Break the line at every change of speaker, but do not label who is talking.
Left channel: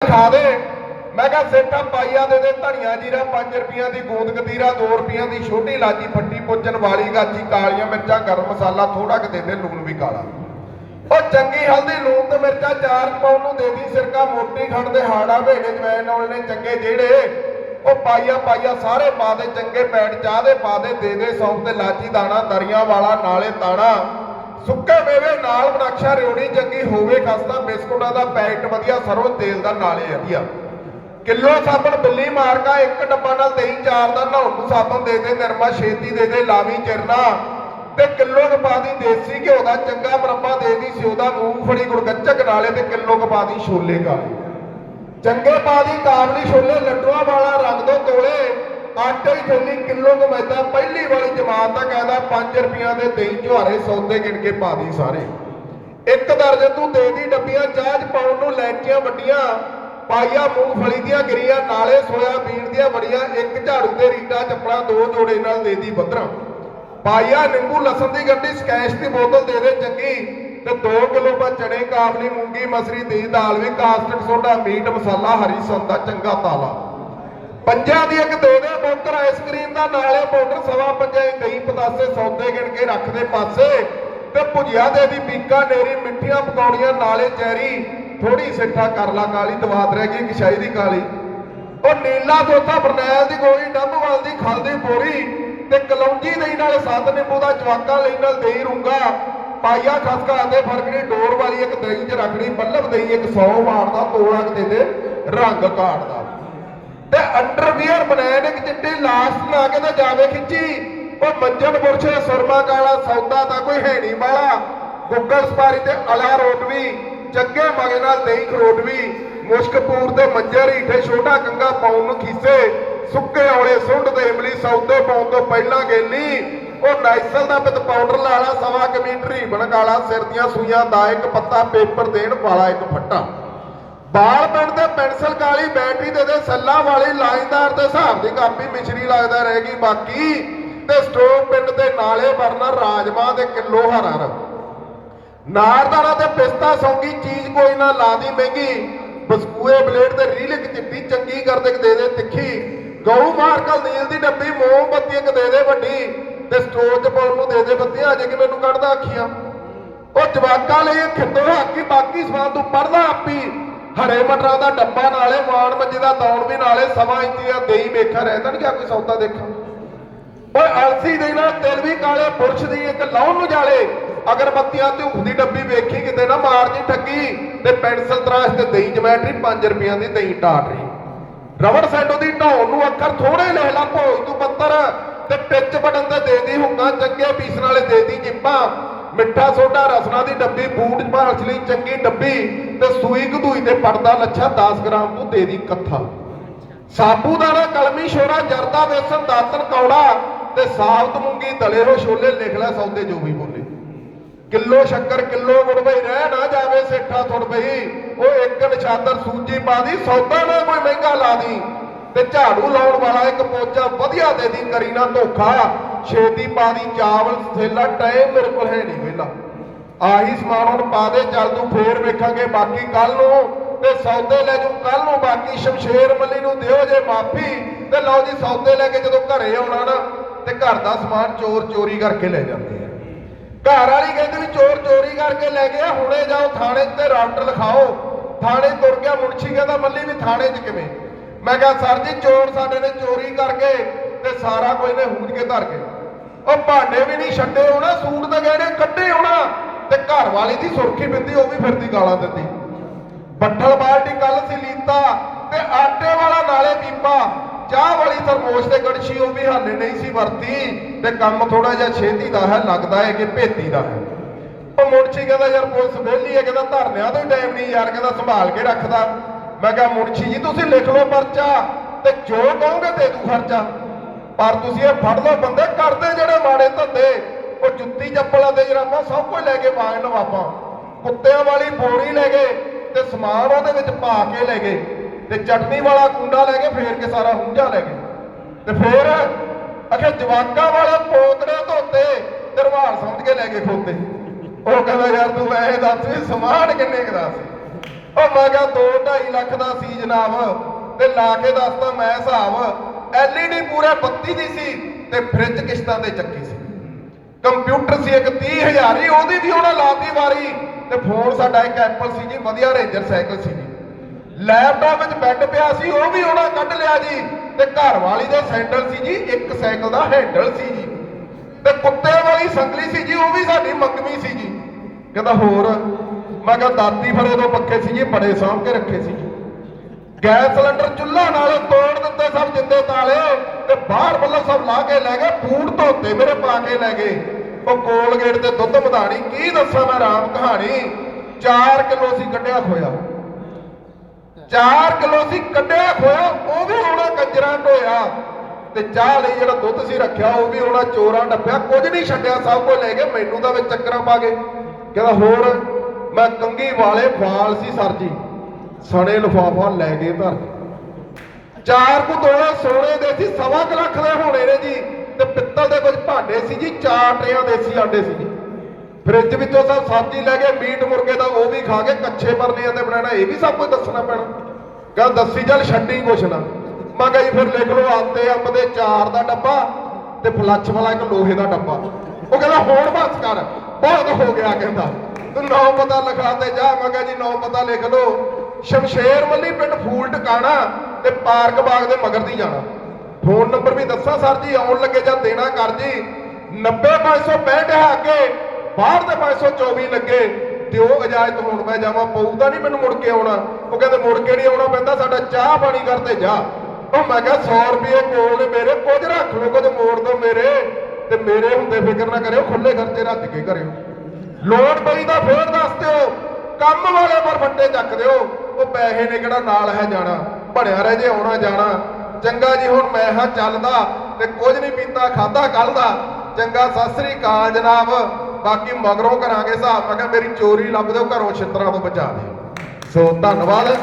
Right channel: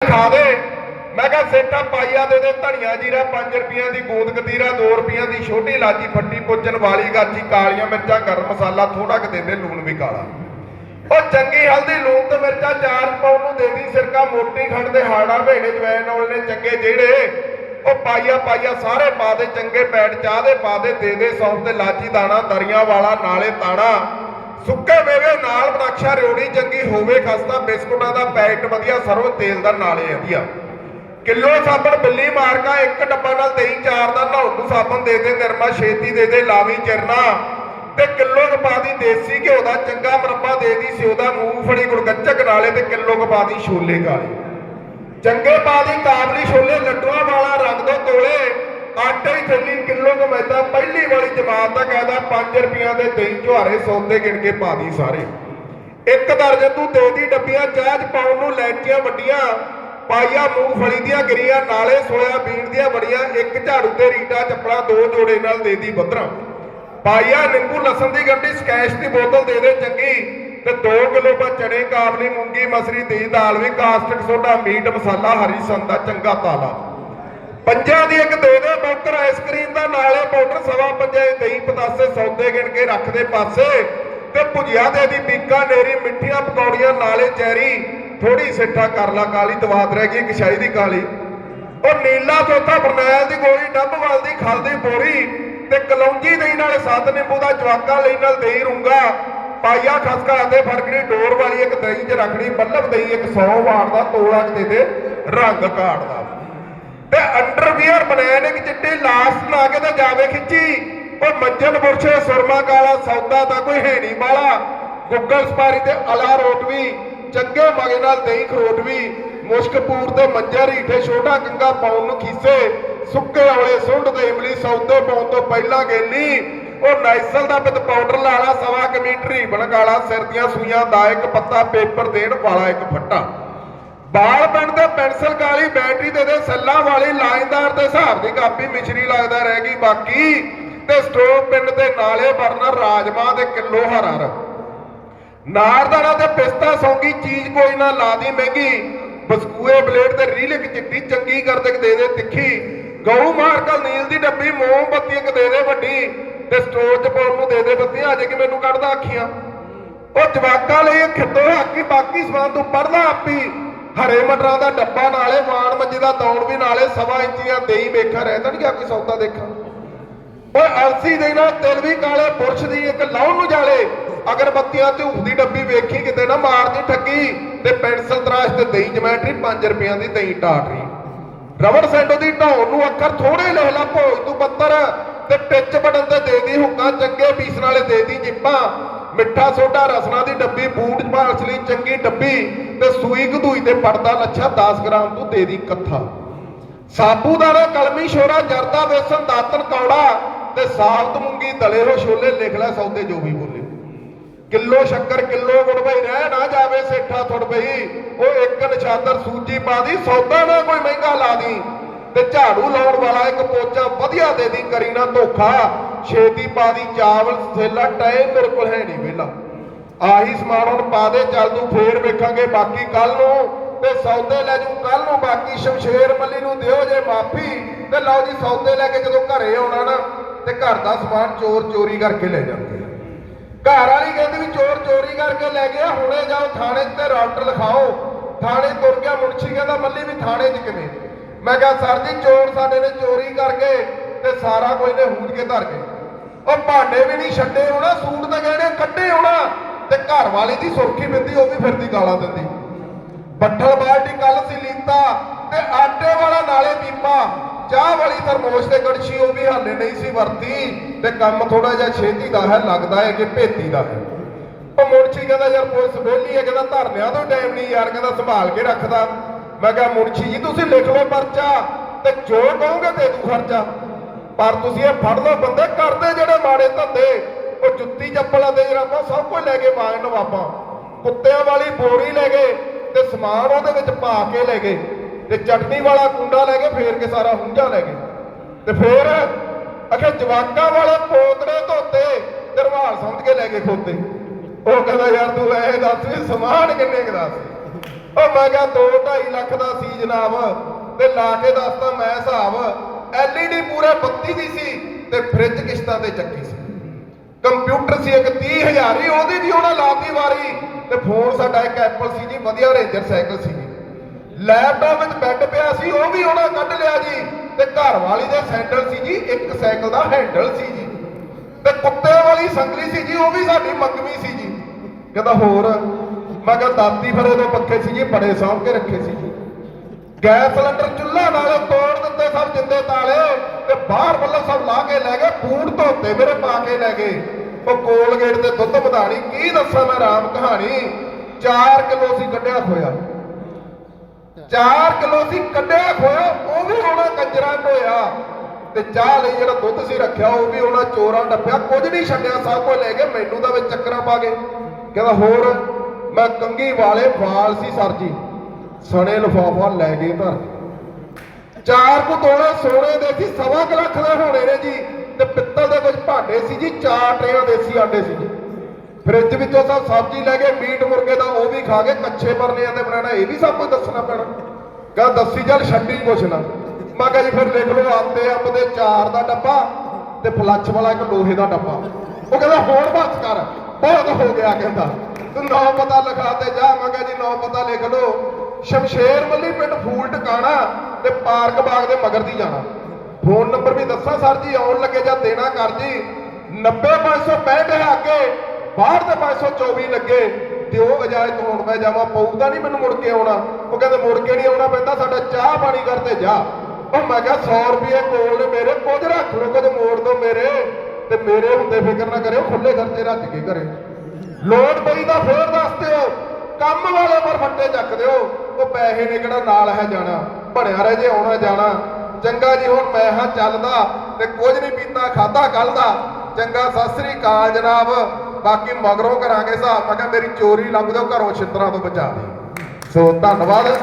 ਖਾ ਦੇ ਮੈਂ ਕਿਹਾ ਸੇਠਾ ਪਾਈਆ ਦੇ ਦੇ ਧਣੀਆਂ ਜੀਰਾ 5 ਰੁਪਈਆਂ ਦੀ, ਗੂੰਦ ਕਤੀਰਾ 2 ਰੁਪਈਆਂ ਦੀ, ਛੋਟੀ ਇਲਾਚੀ ਫੱਟੀ, ਪੁੱਜਣ ਵਾਲੀ ਗਾਚੀ ਕਾਲੀਆਂ ਮਿਰਚਾਂ, ਗਰਮ ਮਸਾਲਾ ਥੋੜਾ ਕਿ ਦੇ ਦੇ ਲੂਣ ਵੀ ਕਾਲਾ। ਉਹ ਚੰਗੀ, ਹਲਦੀ, ਲੂਣ ਤੇ ਮਿਰਚਾਂ, ਚਾਰ ਪਾਉਣ ਨੂੰ ਦੇ ਦੀ ਸਿਰਕਾ, ਮੋਟੀ ਖੰਡ ਦੇ ਹਾੜਾ ਭੇੜੇ, ਜਵੈਣ ਨੇ, ਚੰਗੇ ਜਿਹੜੇ। ਉਹ ਪਾਈਆ ਪਾਈਆ, ਸਾਰੇ ਪਾ ਦੇ, ਚੰਗੇ ਪੈੜ ਚਾਹ ਦੇ ਪਾ ਦੇ ਦੇ ਦੇ, ਸੌਂਫ ਤੇ ਲਾਚੀ, ਦਾਣਾ, ਦਰਿਆ ਵਾਲਾ, ਨਾਲੇ ਤਾਣਾ ਸੁੱਕੇ ਮੇਵੇ ਨਾਲ ਬਨਕਸ਼ਾ ਰਿਉੜੀ ਚੰਗੀ ਹੋਵੇ ਖਸਤਾ, ਬਿਸਕੁਟਾਂ ਦਾ ਪੈਕਟ ਵਧੀਆ, ਸਰੋਂ ਤੇਲ ਦਾ ਨਾਲੇ ਵਧੀਆ। ਕਿਲੋ ਸਾਬਣ ਬਿੱਲੀ ਮਾਰਕਾ, ਇੱਕ ਡੱਬਾ ਨਾਲ ਦੇਈ ਚਾਰ ਦਾ ਨਹਾਉਣ ਨੂੰ ਸਾਬਣ ਦੇ ਦੇ ਨਿਰਮਾ ਛੇਤੀ ਦੇ ਦੇ, ਲਾਵੀ ਚਿਰਨਾ। ਤੇ ਕਿਲੋ ਕਪਾ ਦੀ ਦੇਸੀ ਘਿਓ ਦਾ, ਚੰਗਾ ਮਰੱਬਾ ਦੇ ਦੀ ਸਿਓ ਦਾ ਮੂੰਗਫਲੀ ਗੁੜਗੱਚਕ ਨਾਲੇ ਤੇ ਕਿਲੋ ਕਪਾ ਦੀ ਛੋਲੇ ਕਾਲੇ। ਚੰਗੇ ਪਾ ਦੀ ਕਾਬਲੀ ਛੋਲੇ, ਲੱਡੂਆਂ ਵਾਲਾ ਰੰਗ ਦੋ ਤੋਲੇ। ਆਟੇ ਦੀ ਥੈਲੀ ਕਿਲੋ ਕੁ ਮੈਦਾ, ਪਹਿਲੀ ਵਾਲੀ ਜਮਾਤ ਦਾ ਕਾਇਦਾ 5 ਰੁਪਈਆਂ ਦੇ ਦਹੀਂ ਝੁਹਾਰੇ ਸੌਦੇ ਗਿਣ ਕੇ ਪਾ ਦੀ ਸਾਰੇ। ਇੱਕ ਦਰਜਨ ਤੂੰ ਦੇ ਦੀ ਡੱਬੀਆਂ ਚਾਹ ਚ ਪਾਉਣ ਨੂੰ ਲੈਚੀਆਂ ਵੱਡੀਆਂ, ਪਾਈਆ ਮੂੰਗਫਲੀ ਦੀਆਂ ਗਿਰੀਆਂ, ਨਾਲੇ ਸੋਇਆਬੀਨ ਦੀਆਂ ਵੜੀਆਂ, ਇੱਕ ਝਾੜੂ ਤੇ ਰੀਟਾ ਚੱਪਲਾ, ਦੋ ਜੋੜੇ ਨਾਲ ਦੇ ਦੀ ਬੱਦਰਾ ਪਾਈਆ ਨਿੰਬੂ ਲਸਣ ਦੀ ਗੰਢੀ, ਸਕੈਸ਼ ਦੀ ਬੋਤਲ ਦੇ ਦੇ ਚੰਗੀ, ਤੇ 2 ਕਿਲੋ ਬਾ ਚਣੇ ਕਾਬਲੀ ਮੂੰਗੀ, ਮਸਰੀ ਦੀ ਦਾਲ ਵੀ ਕਾਸਟਿਕ ਸੋਡਾ ਮੀਟ ਮਸਾਲਾ, ਹਰੀ ਸੰਦ ਦਾ ਚੰਗਾ ਤਾਲਾ। ਪੰਜਾਂ ਦੀ ਇੱਕ ਦੇ ਦੇ ਬੋਤਲ ਆਈਸਕ੍ਰੀਮ ਦਾ ਨਾਲੇ ਪਾਊਡਰ ਸਵਾ ਪੰਜੇ ਦਹੀਂ ਪਤਾਸੇ ਸੌਦੇ ਗਿਣ ਕੇ ਰੱਖ ਪਾਸੇ। ਤੇ ਭੁਜਿਆ ਦੇ ਦੀ ਬੀਕਾ ਨੇਰੀ, ਮਿੱਠੀਆਂ, ਪਕੌੜੀਆਂ, ਨਾਲੇ ਚੈਰੀ ਥੋੜੀ ਸਿੱਠਾ ਕਰ ਲਾ ਕਾਲੀ, ਦਵਾਤ ਰਹਿ ਗਈ ਇੱਕ ਦੀ ਕਾਲੀ। ਉਹ ਨੀਲਾ ਤੋਤਾ ਬਰਨੈਲ ਦੀ ਗੋਲੀ ਡੱਬਵਾਲ ਦੀ ਖਲ ਦੀ ਬੋਰੀ ਤੇ ਕਲੌਂਜੀ ਦਹੀਂ ਨਾਲ ਸੱਤ ਨਿੰਬੂ ਦਾ ਜਵਾਕਾ ਲਈ ਨਾਲ ਦਹੀਂ ਰੂੰਗਾ। ਪਾਈਆ ਖਸਕਾ ਅਤੇ ਫਰਕੜੀ ਡੋਰ ਵਾਲੀ ਇੱਕ ਦਹੀਂ 'ਚ ਰੱਖਣੀ, ਬੱਲਬ ਦਹੀਂ ਇੱਕ 100 ਵਾਟ ਦਾ ਤੋਲਾ 'ਚ ਦੇ ਦੇ, ਰੰਗ ਕਾੜ ਦਾ। ਤੇ ਅੰਡਰਵੀਅਰ ਬਣਾਇਆ ਨੇ ਕਿ ਚਿੱਟੀ ਲਾਸਟ ਲਾ ਕੇ ਤਾਂ ਜਾਵੇ ਖਿੱਚੀ। ਉਹ ਮੰਜਨ ਬੁਰਸ਼ੇ ਸੁਰਮਾ ਕਾਲਾ ਸੌਦਾ ਤਾਂ ਕੋਈ ਹੈ ਨਹੀਂ ਵਾਲਾ। ਗੁੱਗਲ ਸਪਾਰੀ ਤੇ ਅਲਾ ਰੋਟ ਵੀ, ਚੰਗੇ ਮਗੇ ਨਾਲ ਦਹੀਂ ਖਰੋਟ ਵੀ। ਮੁਸ਼ਕਪੂਰ ਤੇ ਮੰਜੇ ਰੀਠੇ ਛੋਟਾ ਕੰਗਾ ਪਾਉਣ ਨੂੰ ਖੀਸੇ। ਸੁੱਕੇ ਔਲੇ ਸੁੰਡ ਦੇ ਇਮਲੀ ਸੌਦੇ ਪਾਉਣ ਤੋਂ ਪਹਿਲਾਂ ਗੇਲੀ। ਉਹ ਨਾਈਸਲ ਦਾ ਵਿੱਚ ਪਾਊਡਰ ਲਾਣਾ ਸਵਾ ਕਮੀਟਰੀ ਬਣਕਾਲਾ ਸਿਰ ਦੀਆਂ ਸੂਈਆਂ ਦਾ ਇੱਕ ਪੱਤਾ ਪੇਪਰ ਦੇਣ ਵਾਲਾ ਇੱਕ ਫੱਟਾ। ਬਾਲ ਪਿੰਡ ਦੇ ਪੈਨਸਲ ਕਾਲੀ ਬੈਟਰੀ ਦੇ ਦੇ ਸੱਲਾਂ ਵਾਲੀ ਲਾਈਨਦਾਰ ਦੇ ਹਿਸਾਬ ਦੀ ਕਾਪੀ ਮਿਸ਼ਰੀ ਲੱਗਦਾ ਰਹਿ ਗਈ। ਬਾਕੀ ਤੇ ਸਟੋਵ ਪਿੰਡ ਦੇ ਨਾਲੇ ਬਰਨਰ ਰਾਜਮਾ ਦੇ ਕਿਲੋ ਹਰਾ ਨਾਰਦਾਣਾ ਤੇ ਪਿਸਤਾ ਸੌਂਗੀ ਚੀਜ਼ ਕੋਈ ਨਾ ਲਾ ਮਹਿੰਗੀ। ਬਸਕੂਏ ਬਲੇਡ ਤੇ ਰੀਲ ਚਿੱਟੀ ਚੰਗੀ ਕਰ ਦੇ ਦੇ ਦੇ ਤਿੱਖੀ। ਗਊ ਮਾਰਕਲ ਨੀਲ ਦੀ ਡੱਬੀ ਮੋਮਬੱਤੀ ਇੱਕ ਦੇ ਦੇ ਵੱਡੀ। ਤੇ ਸਟੋਰ ਚ ਪਾਉਣ ਨੂੰ ਦੇ ਦੇ ਬੱਤੀਆਂ, ਅਜੇ ਕਿ ਮੈਨੂੰ ਕੱਢਦਾ ਅੱਖੀਆਂ। ਉਹ ਜਵਾਕਾਂ ਲਈ ਖਿੱਦੋ ਹਾਕੀ ਬਾਕੀ ਸਮਾਨ ਤੂੰ ਪੜਦਾ ਆਪੀ। ਹਰੇ ਮਟਰਾਂ ਦਾ ਡੱਬਾ ਨਾਲੇ ਮਾਨ ਮੰਜੀ ਦਾ ਦੌੜ ਵੀ ਨਾਲੇ, ਸਵਾ ਇੰਚੀਆਂ ਦੇਈ ਵੇਖਾ ਰਹਿ। ਤਣ ਜਾ ਸੌਦਾ ਦੇਖਾਂ? ਓਏ ਅਲਸੀ ਦੇ ਨਾਲ ਤਿਲ ਵੀ ਕਾਲੇ ਪੁਰਸ਼ ਦੀ ਇੱਕ ਲਾਉਣ ਨੂੰ ਜਾਲੇ। ਅਗਰਬੱਤੀਆਂ ਤੇ ਦੀ ਡੱਬੀ ਵੇਖੀ, ਕਿਤੇ ਨਾ ਮਾਰਦੀ ਠੱਗੀ। ਤੇ ਪੈਨਸਲ ਤਰਾਸ਼ ਤੇ ਦਹੀਂ ਜਮੈਟਰੀ 5 ਰੁਪਈਆਂ ਦੀ ਦਹੀਂ ਟਾਟਰੀ। ਰਵੜ ਸੈਂਡੋ ਦੀ ਢਾਉਣ ਨੂੰ ਅੱਖਰ ਥੋੜੇ ਲੈ ਲਾ, ਭੋਜ ਤੂੰ ਬੱਤਰ ਤੇ ਟਿੱਚ ਬਟਨ ਤੇ ਦੇ ਦੀ ਹੁੱਕਾ, ਚੰਗੇ ਪੀਸਣ ਵਾਲੇ ਦੇ ਦੀ ਜਿੰਪਾਂ। ਮਿੱਠਾ ਸੋਡਾ ਰਸਨਾ ਦੀ ਡੱਬੀ, ਬੂਟ ਭਾਰਤ ਲਈ ਚੰਗੀ ਡੱਬੀ ਤੇ ਸੂਈ ਕਧੂਈ ਤੇ ਪੜਦਾ ਲੱਛਾ 10 ਗ੍ਰਾਮ ਤੂੰ ਦੇ ਦੀ ਕੱਥਾ ਸਾਬੂਦਾਨਾ ਕਲਮੀ, ਸ਼ੋਰਾ, ਜਰਦਾ, ਵੇਸਣ ਦਾਤਨ ਕੌੜਾ ਤੇ ਸਾਬਤ ਮੂੰਗੀ, ਦਲੇ ਹੋ ਛੋਲੇ, ਲਿਖ ਲੈ ਸੌਦੇ ਜੋ ਵੀ ਬੋਲੇ। ਕਿਲੋ ਸ਼ੱਕਰ, ਕਿਲੋ ਗੁੜ ਬਈ ਰਹਿ ਨਾ ਜਾਵੇ ਸੇਠਾ ਥੁੜ ਬਈ। ਉਹ ਇੱਕ ਨਛਾਦਰ ਸੂਜੀ ਪਾ ਦੀ, ਸੌਦਾ ਨਾ ਕੋਈ ਮਹਿੰਗਾ ਲਾ ਦੀ। ਤੇ ਝਾੜੂ ਲਾਉਣ ਵਾਲਾ ਇੱਕ ਪੋਚਾ ਵਧੀਆ ਦੇ ਦੀ, ਕਰੀ ਨਾ ਧੋਖਾ। ਛੇਤੀ ਪਾ ਦੀ ਚਾਵਲ ਥੇਲਾ ਟਾਈਮ ਮੇਰੇ ਕੋਲ ਹੈ ਨਹੀਂ ਵੇਲਾ। ਆਹੀ ਸਮਾਨ ਹੁਣ ਪਾ ਦੇ, ਚੱਲ ਤੂੰ ਫੇਰ ਵੇਖਾਂਗੇ ਬਾਕੀ ਕੱਲ ਨੂੰ। ਤੇ ਸੌਦੇ ਲੈ ਜੂ ਕੱਲ ਨੂੰ, ਬਾਕੀ ਸ਼ਮਸ਼ੇਰ ਮੱਲੀ ਨੂੰ ਦਿਓ ਜੇ ਮਾਫੀ। ਤੇ ਲਓ ਜੀ ਸੌਦੇ ਲੈ ਕੇ ਜਦੋਂ ਘਰੇ ਆਉਣਾ ਨਾ, ਤੇ ਘਰ ਦਾ ਸਮਾਨ ਚੋਰ ਚੋਰੀ ਕਰਕੇ ਲੈ ਜਾਂਦੇ ਘਰ ਵਾਲੀ ਕਹਿੰਦੀ ਵੀ ਚੋਰ ਚੋਰੀ ਕਰਕੇ ਲੈ ਗਿਆ, ਹੁਣੇ ਜਾਓ ਥਾਣੇ 'ਚ ਤੇ ਰਾਊਟਰ ਲਿਖਾਓ। ਥਾਣੇ ਤੁਰ ਗਿਆ ਮੁਨਸ਼ੀ, ਕਹਿੰਦਾ ਮੱਲੀ ਵੀ ਥਾਣੇ 'ਚ ਕਿਵੇਂ? ਮੈਂ ਕਿਹਾ, ਸਰ ਜੀ, ਚੋਰ ਸਾਡੇ ਨੇ ਚੋਰੀ ਕਰਕੇ ਤੇ ਸਾਰਾ ਕੁਝ ਨੇ ਹੂਜ ਕੇ ਧਰ ਕੇ। ਉਹ ਭਾਂਡੇ ਵੀ ਨਹੀਂ ਛੱਡੇ ਹੋਣਾ, ਸੂਟ ਦੇ ਗਹਿਣੇ ਕੱਢੇ ਹੋਣਾ ਤੇ ਘਰ ਵਾਲੀ ਦੀ ਸੁਰਖੀ ਬਿੰਦੀ ਉਹ ਵੀ ਫਿਰਦੀ ਗਾਲਾਂ ਦਿੰਦੀ। ਬੱਠਲ ਬਾਲਟੀ ਕੱਲ ਸੀ ਲੀਤਾ ਤੇ ਆਟੇ ਵਾਲਾ ਨਾਲੇ ਪੀਪਾ ਚਾਹ ਵਾਲੀ ਤਰਮੋਸ਼ ਤੇ ਗੜਸ਼ੀ ਉਹ ਵੀ ਹਾਲੇ ਨਹੀਂ ਸੀ ਵਰਤੀ ਤੇ ਕੰਮ ਥੋੜਾ ਜਿਹਾ ਛੇਤੀ ਦਾ ਹੈ, ਲੱਗਦਾ ਹੈ ਕਿ ਭੇਤੀ ਦਾ ਹੈ। ਉਹ ਮੁਰਸ਼ੀ ਕਹਿੰਦਾ, ਯਾਰ ਪੁਲਿਸ ਵਿਹਲੀ ਹੈ, ਕਹਿੰਦਾ ਧਰਨਿਆਂ ਤੋਂ, ਟਾਈਮ ਨਹੀਂ ਯਾਰ, ਕਹਿੰਦਾ ਸੰਭਾਲ ਕੇ ਰੱਖਦਾ। ਮੈਂ ਕਿਹਾ ਮੁਰਸ਼ੀ ਜੀ, ਤੁਸੀਂ ਲਿਖ ਲਓ ਪਰਚਾ ਤੇ ਜੋ ਕਹੋਗੇ ਤੇ ਤੂੰ ਖਰਚਾ। ਪਰ ਤੁਸੀਂ ਇਹ ਫੜ ਲਓ ਬੰਦੇ, ਕਰਦੇ ਜਿਹੜੇ ਮਾੜੇ ਧੰਦੇ। ਉਹ ਜੁੱਤੀ ਚੱਪਲਾਂ ਦੇ ਜਰਾਬਾਂ ਸਭ ਕੁਝ ਲੈ ਕੇ ਮਾਰਨ ਵਾਪਾਂ ਕੁੱਤਿਆਂ ਵਾਲੀ ਬੋਰੀ ਲੈ ਗਏ ਤੇ ਸਮਾਨ ਉਹਦੇ ਵਿੱਚ ਪਾ ਕੇ ਲੈ ਗਏ। ਤੇ ਚਟਨੀ ਵਾਲਾ ਕੁੰਡਾ ਲੈ ਕੇ ਫੇਰ ਕੇ ਸਾਰਾ ਹੁੰਝਾ ਲੈ ਗਏ। ਤੇ ਫੇਰ ਅਖੇ ਜਵਾਕਾਂ ਵਾਲੇ ਪੋਤੜੇ ਧੋਤੇ ਦਰਬਾਰ ਸਮਝ ਕੇ ਲੈ ਕੇ ਖੋਤੇ। ਉਹ ਕਹਿੰਦਾ, ਯਾਰ ਤੂੰ ਐ ਦੱਸ ਵੀ ਸਮਾਨ ਕਿੰਨੇ ਕੁ ਦਾ ਸੀ? ਉਹ ਮੈਂ ਕਿਹਾ 2.5 ਲੱਖ ਦਾ ਸੀ ਜਨਾਬ। ਤੇ ਲਾ ਕੇ ਦੱਸਦਾ ਮੈਂ ਹਿਸਾਬ। ਐਲਈਡੀ ਪੂਰੇ 32 ਦੀ ਸੀ ਤੇ ਫ੍ਰਿਜ ਕਿਸ਼ਤਾਂ ਤੇ ਚੱਕੀ ਸੀ। ਕੰਪਿਊਟਰ ਸੀ ਇੱਕ 30000 ਹੀ ਉਹਦੀ ਵੀ ਉਹਨਾਂ ਲਾਤੀ ਵਾਰੀ ਤੇ ਫੋਨ ਸਾਡਾ ਇੱਕ ਐਪਲ ਸੀ ਜੀ, ਵਧੀਆ ਰੇਂਜਰ ਸਾਈਕਲ ਸੀ ਲੈਪਟਾਪ ਵਿੱਚ ਬੈੱਡ ਪਿਆ ਸੀ, ਉਹ ਵੀ ਉਹਨਾਂ ਕੱਢ ਲਿਆ ਜੀ ਤੇ ਘਰ ਵਾਲੀ ਦਾ ਸੈਂਡਲ ਸੀ ਜੀ, ਇੱਕ ਸਾਈਕਲ ਦਾ ਹੈਂਡਲ ਸੀ ਜੀ। ਤੇ ਕੁੱਤੇ ਵਾਲੀ ਸੰਗਲੀ ਸੀ ਜੀ, ਉਹ ਵੀ ਸਾਡੀ ਮੰਗਵੀ ਸੀ ਜੀ। ਕਹਿੰਦਾ ਹੋਰ, ਮੈਂ ਕਿਹਾ ਦਾਤੀ ਫਰੇ ਦੋ ਪੱਖੇ ਸੀ ਜੀ, ਬੜੇ ਸਾਂਭ ਕੇ ਰੱਖੇ ਸੀ ਜੀ। ਗੈਸ ਸਿਲੰਡਰ ਚੁੱਲ੍ਹਾ ਨਾਲੇ ਤੋੜ ਦਿੱਤੇ, ਸਭ ਜਿੰਦੇ ਤਾਲੇ ਤੇ ਬਾਹਰ ਵੱਲੋਂ ਸਭ ਲਾ ਕੇ ਲੈ ਗਏ ਬੂਟ ਧੋਤੇ ਮੇਰੇ ਪਾ ਕੇ ਲੈ ਗਏ। ਉਹ ਕੋਲਗੇਟ ਤੇ ਦੁੱਧ ਵਧਾਣੀ, ਕੀ ਦੱਸਾਂ ਮੈਂ ਰਾਮ ਕਹਾਣੀ? 4 ਕਿਲੋ ਸੀ ਕੱਢਿਆ ਹੋਇਆ 4 ਕਿਲੋ ਸੀ ਕੱਢਿਆ ਖੋਇਆ, ਉਹ ਵੀ ਹੋਣਾ ਕੰਜਰਾਂ ਢੋਇਆ ਤੇ ਚਾਹ ਲਈ ਜਿਹੜਾ ਦੁੱਧ ਸੀ ਰੱਖਿਆ, ਉਹ ਵੀ ਹੋਣਾ ਚੋਰਾਂ ਡੱਪਿਆ ਕੁਝ ਨਹੀਂ ਛੱਡਿਆ, ਸਭ ਕੁਝ ਲੈ ਗਏ, ਮੈਨੂੰ ਤਾਂ ਵਿੱਚ ਚੱਕਰਾਂ ਪਾ ਗਏ। ਕਹਿੰਦਾ, ਹੋਰ ਮੈਂ ਕੰਗੀ ਵਾਲੇ ਵਾਲ ਸੀ, ਸਰ ਜੀ। ਸਣੇ ਲਫਾਫਾ ਲੈ ਗਏ ਭਰ ਚਾਰ ਕੁ ਤੋਲੇ ਸੋਨੇ ਦੇ ਸੀ, ਸਵਾ ਕੁ ਲੱਖ ਦੇ ਹੋਣੇ ਨੇ ਜੀ। ਤੇ ਪਿੱਤਲ ਦੇ ਕੁਝ ਭਾਂਡੇ ਸੀ ਜੀ, ਚਾਰ ਟਰੇਆਂ ਦੇਸੀ ਆਂਡੇ ਸੀ ਫ੍ਰਿਜ ਵਿੱਚੋਂ ਸਭ ਸਬਜ਼ੀ ਲੈ ਗਏ ਮੀਟ ਮੁਰਗੇ ਦਾ ਉਹ ਵੀ ਖਾ ਕੇ ਕੱਚੇ ਪਰਨਿਆਂ ਤੇ ਬਣਾਣਾ ਇਹ ਵੀ ਸਭ ਕੁਝ ਦੱਸਣਾ ਪੈਣਾ। ਕਹਿੰਦਾ ਦੱਸੀ ਚੱਲ, ਛੱਡੀ ਕੁਛ ਨਾ। ਮੈਂ ਕਿਹਾ ਜੀ, ਫਿਰ ਲਿਖ ਲਓ ਆਂਤੇ ਅੰਬ ਦੇ ਚਾਰ ਦਾ ਡੱਬਾ ਤੇ ਫਲੱਚ ਵਾਲਾ ਇੱਕ ਲੋਹੇ ਦਾ ਡੱਬਾ। ਉਹ ਕਹਿੰਦਾ, ਹੋਰ ਬਸ ਕਰ। ਬਹੁਤ ਹੋ ਗਿਆ, ਕਹਿੰਦਾ। ਤੂੰ ਨਾਮ ਪਤਾ ਲਿਖਾ ਤੇ ਜਾ। ਮੈਂ ਕਿਹਾ ਜੀ ਨਾਮ ਪਤਾ ਲਿਖ ਲਓ। ਸ਼ਮਸ਼ੇਰ ਮੱਲੀ ਪਿੰਡ ਫੂਲ ਟਿਕਾਣਾ ਤੇ ਪਾਰਕ ਬਾਗ ਦੇ ਮਗਰ ਦੀ ਜਾਣਾ ਫੋਨ ਨੰਬਰ ਵੀ ਦੱਸਾਂ ਸਰ ਜੀ, ਆਉਣ ਲੱਗੇ ਜਾਂ ਦੇਣਾ ਕਰ ਜੀ। 90565 ਹੈ ਅੱਗੇ, ਬਾਹਰ ਦੇ 524 ਲੱਗੇ। ਤੇ ਇਜਾਜ਼ਤ ਹੁਣ ਮੈਂ ਜਾਵਾਂ, ਪਊ ਨਹੀਂ ਮੈਨੂੰ ਮੁੜ ਕੇ ਆਉਣਾ। ਉਹ ਕਹਿੰਦੇ ਮੁੜ ਕੇ ਨਹੀਂ ਆਉਣਾ ਪੈਂਦਾ, ਸਾਡਾ ਚਾਹ ਪਾਣੀ ਕਰਦੇ ਜਾ। ਉਹ ਮੈਂ ਕਿਹਾ 100 ਰੁਪਏ ਕੋਲ ਨੇ ਮੇਰੇ, ਕੁਝ ਰੱਖ ਲਓ, ਕੁਝ ਮੋੜ ਦਿਓ ਮੇਰੇ। ਤੇ ਮੇਰੇ ਹੁੰਦੇ ਫਿਕਰ ਨਾ ਕਰਿਓ ਖੁੱਲੇ ਖਰਚੇ ਰੱਜ ਕੇ ਕਰਿਓ। ਲੋੜ ਪਈ ਤਾਂ ਫੇਰ ਦੱਸ ਦਿਓ। ਕੰਮ ਵਾਲੇ ਪਰ ਫੱਟੇ ਚੱਕ ਦਿਓ। ਉਹ ਪੈਸੇ ਨੇ ਕਿਹੜਾ ਨਾਲ ਹੈ ਜਾਣਾ? ਬਣਿਆ ਰਹਿ ਜੇ ਆਉਣਾ ਜਾਣਾ। ਚੰਗਾ ਜੀ, ਹੁਣ ਮੈਂ ਹਾਂ ਚੱਲਦਾ ਤੇ ਕੁਝ ਨਹੀਂ ਪੀਤਾ ਖਾਦਾ ਕੱਲ ਦਾ। ਚੰਗਾ, ਸਤਿ ਸ੍ਰੀ ਅਕਾਲ ਜਨਾਬ। ਬਾਕੀ ਮਗਰੋਂ ਕਰਾਂਗੇ ਹਿਸਾਬ। ਮੈਂ ਕਿਹਾ ਮੇਰੀ ਚੋਰੀ ਲੱਭ ਦਿਓ ਘਰੋਂ ਛਿੱਤਰਾਂ ਤੋਂ ਬਚਾ ਦਿਓ ਸੋ ਧੰਨਵਾਦ।